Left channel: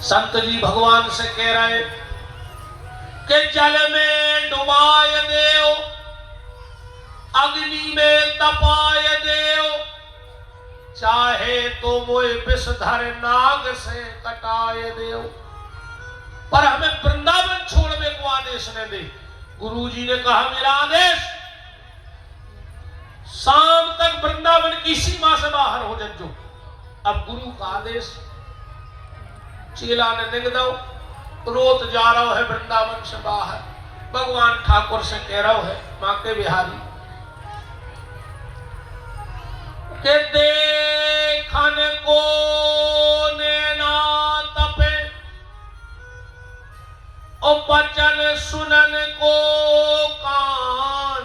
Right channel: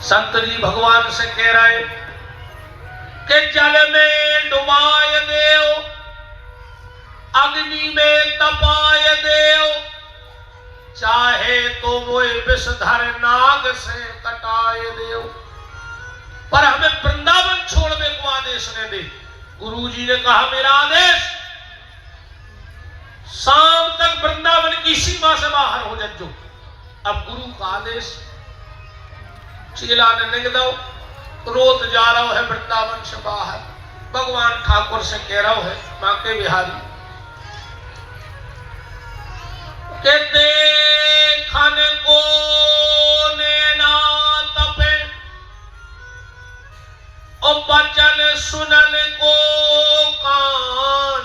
संत जी भगवान से कह रहे कि जल में डुबाए देव, अग्नि में तपाए देव, चाहे तो वो विषधर नाग से कटाए देव, पर हमें वृंदावन छोड़ने को आदेश न दे। गुरुजी ने कहा मेरा आदेश, शाम तक वृंदावन की सीमा से बाहर हो जाओ। अब गुरु का आदेश, चेला ने लिख दो, रोत जा रहा है वृंदावन से बाहर। भगवान ठाकुर से कह रहा है नाके बिहारी के देखन को नैना तपे, और बचन सुनन को कान,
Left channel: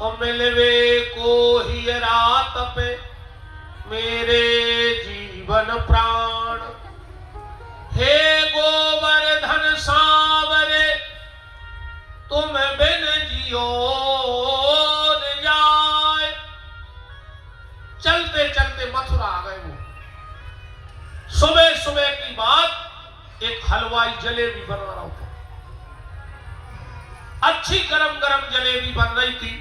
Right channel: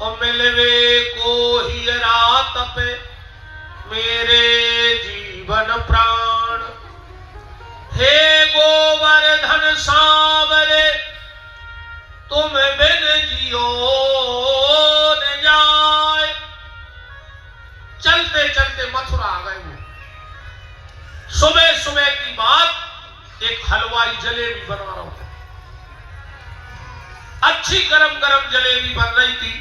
और मिलवे को ही रात पे मेरे जीवन प्राण। हे गोवर्धन सांवरे तुम बिन जियो न जाए। चलते चलते मथुरा आ गए वो। सुबह सुबह की बात, एक हलवाई जलेबी बनवा रहा था। अच्छी गरम गरम जलेबी बन रही थी।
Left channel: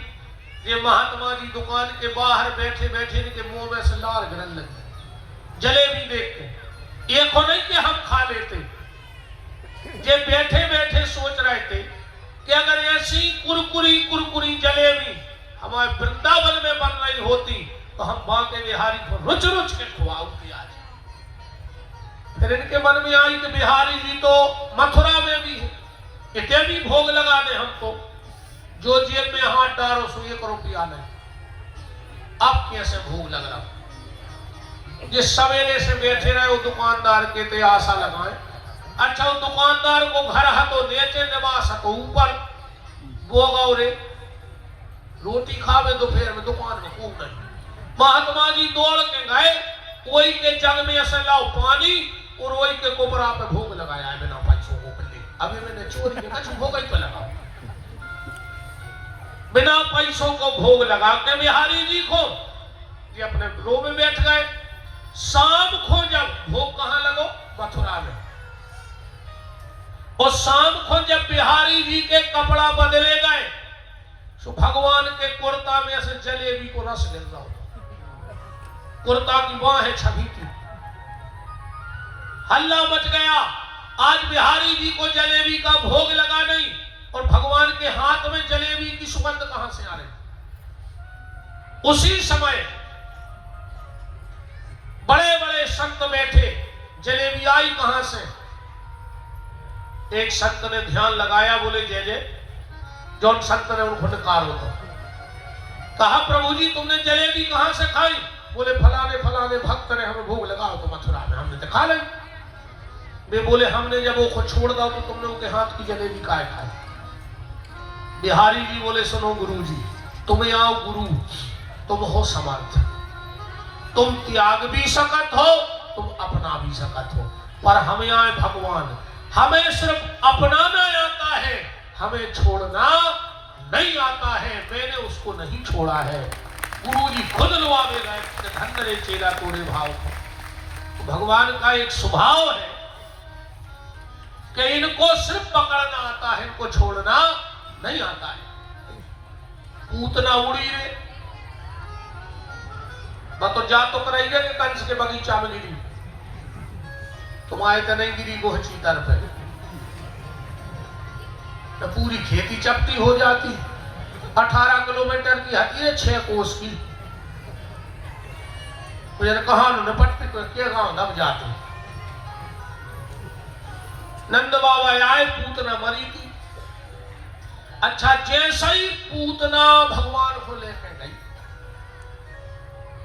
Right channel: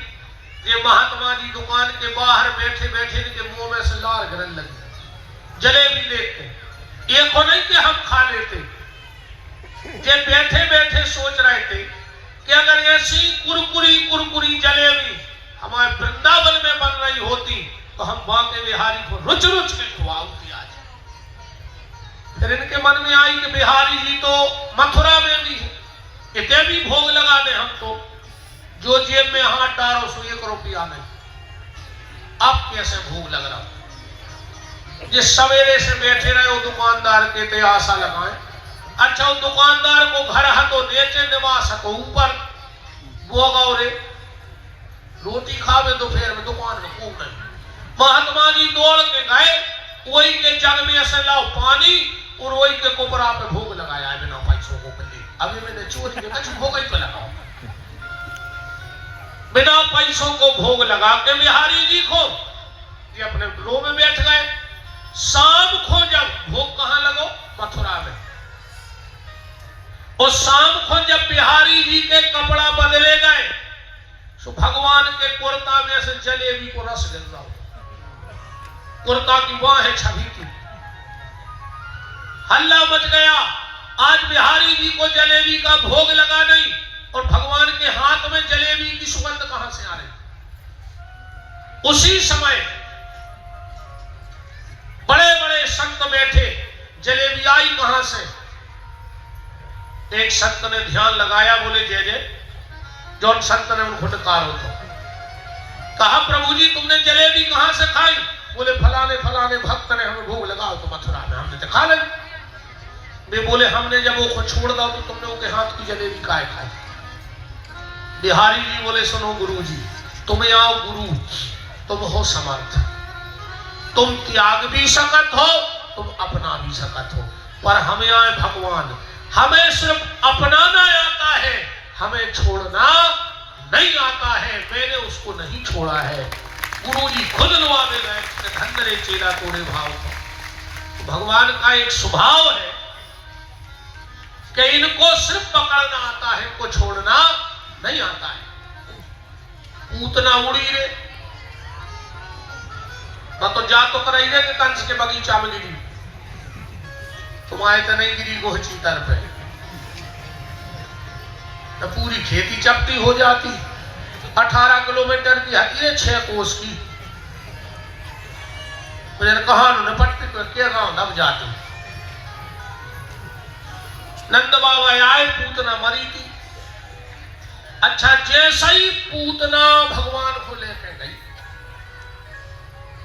ये महात्मा जी दुकान के बाहर बैठे बैठे इनके मुंह में से लार गिरने लगी जलेबी देखते। ये को नहीं कि हम खा लेते, ये बैठे बैठे सोच रहे थे कि अगर ऐसी कुरकुरी कुरकुरी जलेबी हमारे वृंदावन में बन रही होती तो हम बांके बिहारी को रुच रुच के खवाते आज। फिर इनके मन में आई कि बिहारी जी तो मथुरा में भी है, इतने भी भोग लगा दे हमको। जो जेब में हाथ डालो सो 1 रुपया नहीं। अब कैसे भोग लग रहा? जिस सवेरे से बैठे रहे वो दुकानदार के ते आशा लगाए। अच्छा वो दुकानदार को घर हाथों नीचे निवास को ऊपर गोगाओ रे रोटी खावे दोपहर में दुकान में खूब नहीं। महात्मा जी दौड़ के गए, वही के जग में ऐसे लाओ पानी और वही के कोपरा पे भोग लगाया बिना पैसों को कले। अभी मैंने चोरी में कुछ भोग ही तो लगा, बिना पैसों को भोग लगा के बिहारी जी को ये अपने रो में बैठ गए। शाम को जब भोग कहां लगो? मथुरा में। और शाम को जब बिहारी जी के कपड़ा बदले गए तो भगवान के कुर्ता में से जलेबी को रस गिर गया। कुर्ता की बाहें छवि थी, हल्ला मच गया। आज बिहारी जी को जलेबी का भोग लगा नहीं और भगवान के हाथ में जलेबी की सुगंध कहां से आ रही? उसी समय बड़े बड़े संत बैठे, जलेबी आई कहां से? एक संत ने ध्यान लगाया, बोले जय जय। जो संत ने उनको नकार होता कहा प्रभु जी तुमने जलेबी कहां से खाई? बोले फलाने फलाने भक्त ने हमें भोग लगाओ तो मथुरा में, हमने तो खा ली। वे बोले हमने जब वो को छोड़ दो तो तुमने उनके हाथ की जलेबी काहे खाई? बिहारी जी बोले सुनो गुरु जी, तुम्हें आओ गुरु, तुम हो समर्थ, तुम त्याग भी सकत हो, तुम अपना भी सकत हो, पर हमें आए भगवान, हमें सिर्फ अपनाना आता है, हमें छोड़ना नहीं आता है। मैंने उसको नहीं छोड़ा है। गुरु जी खुद लुआवे गए, धन रे चेला तोड़े भाव का। तो भगवान का एक स्वभाव है कि इनको सिर्फ पकड़ना आता है, इनको छोड़ना नहीं आता है। पूतना उड़ी रे तो जा तो कराई रे कि कंस के बगीचा में गिरी, तुम आए तो नहीं गिरी गोहची दर पे, तो पूरी खेती चपटी हो जाती। 18 किलोमीटर की हती 6 कोस की। मुझे कहा निपटते के गांव दब जाते। नंद बाबा आए, पूतना मरी थी। अच्छा जैसे ही पूतना भगवान को लेकर गई,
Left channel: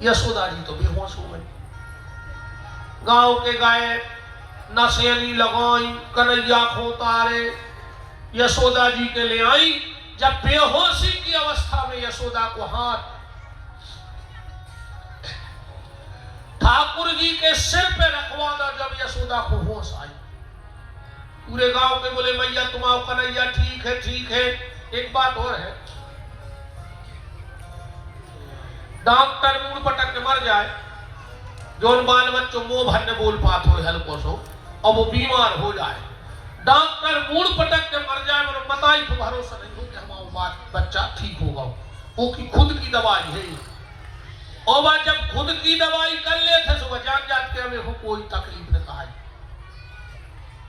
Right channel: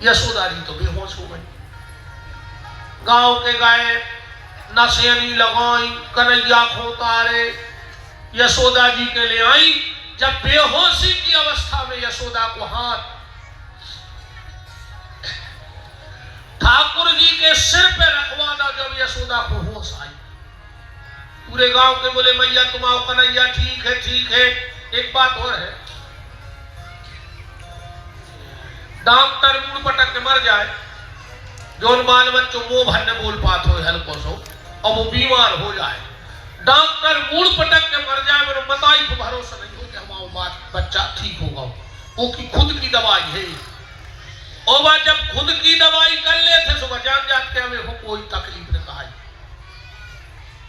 यशोदा जी तो बेहोश हो गई। गांव के गाय नशेरी लगाई, कन्हैया को तारे, यशोदा जी के ले आई। जब बेहोशी की अवस्था में यशोदा को हाथ ठाकुर जी के सिर पे रखवाना, जब यशोदा को होश आई, पूरे गांव के बोले मैया तुम आओ, कन्हैया ठीक है ठीक है। एक बात और है, डॉक्टर मुड़ पटक के मर जाए जो बाल बच्चों मुंह भरने बोल पात हो हल्को सो और वो बीमार हो जाए, डॉक्टर मूड पटक के मर जाए, मेरे बताई को भरोसा नहीं हो कि हमारा बात बच्चा ठीक होगा। वो की खुद की दवाई है, और वह जब खुद की दवाई कर लेते सुबह जान जाते हमें हो कोई तकलीफ न आई।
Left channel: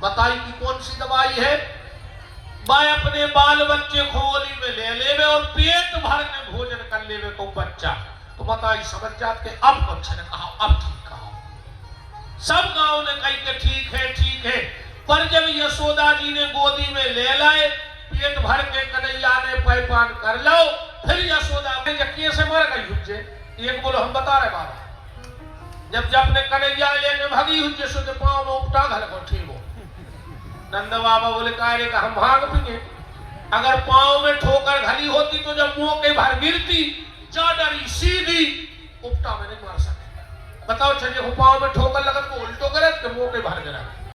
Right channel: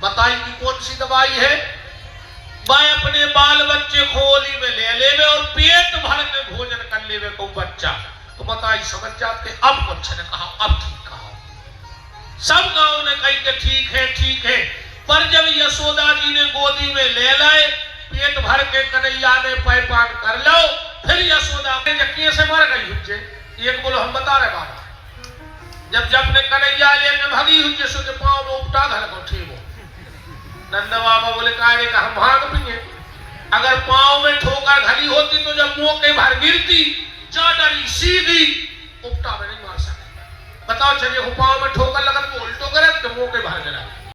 बताई की कौन सी दवाई है? वह अपने बाल बच्चे खोली में ले लेवे और पेट भर के भोजन कर लेवे को बच्चा, तो बताई समझ जाते अब बच्चे ने कहा अब ठीक कहा। सब गांव ने कही कि ठीक है, पर जब यशोदा जी ने गोदी में ले लाए, पेट भर के कन्हैया ने पैपान कर लो, फिर यशोदा ने जक्की से मर गई हुज्जे। एक बोलो हम बता रहे बात, जब अपने कन्हैया लेके भगी हुज्जे सुन पाँव में उपटा घर को ठीक हो। नंदा बाबा बोले कायरे का हम भाग पिए, अगर पाँव में ठोकर घली होती तो जब मुंह के भर गिरती जा डरी सीधी उपटा में नहीं मार सकती। बताओ चलिए पाँव में ठोकर लगत तो उल्टो करे तो मुंह के भर गिरा।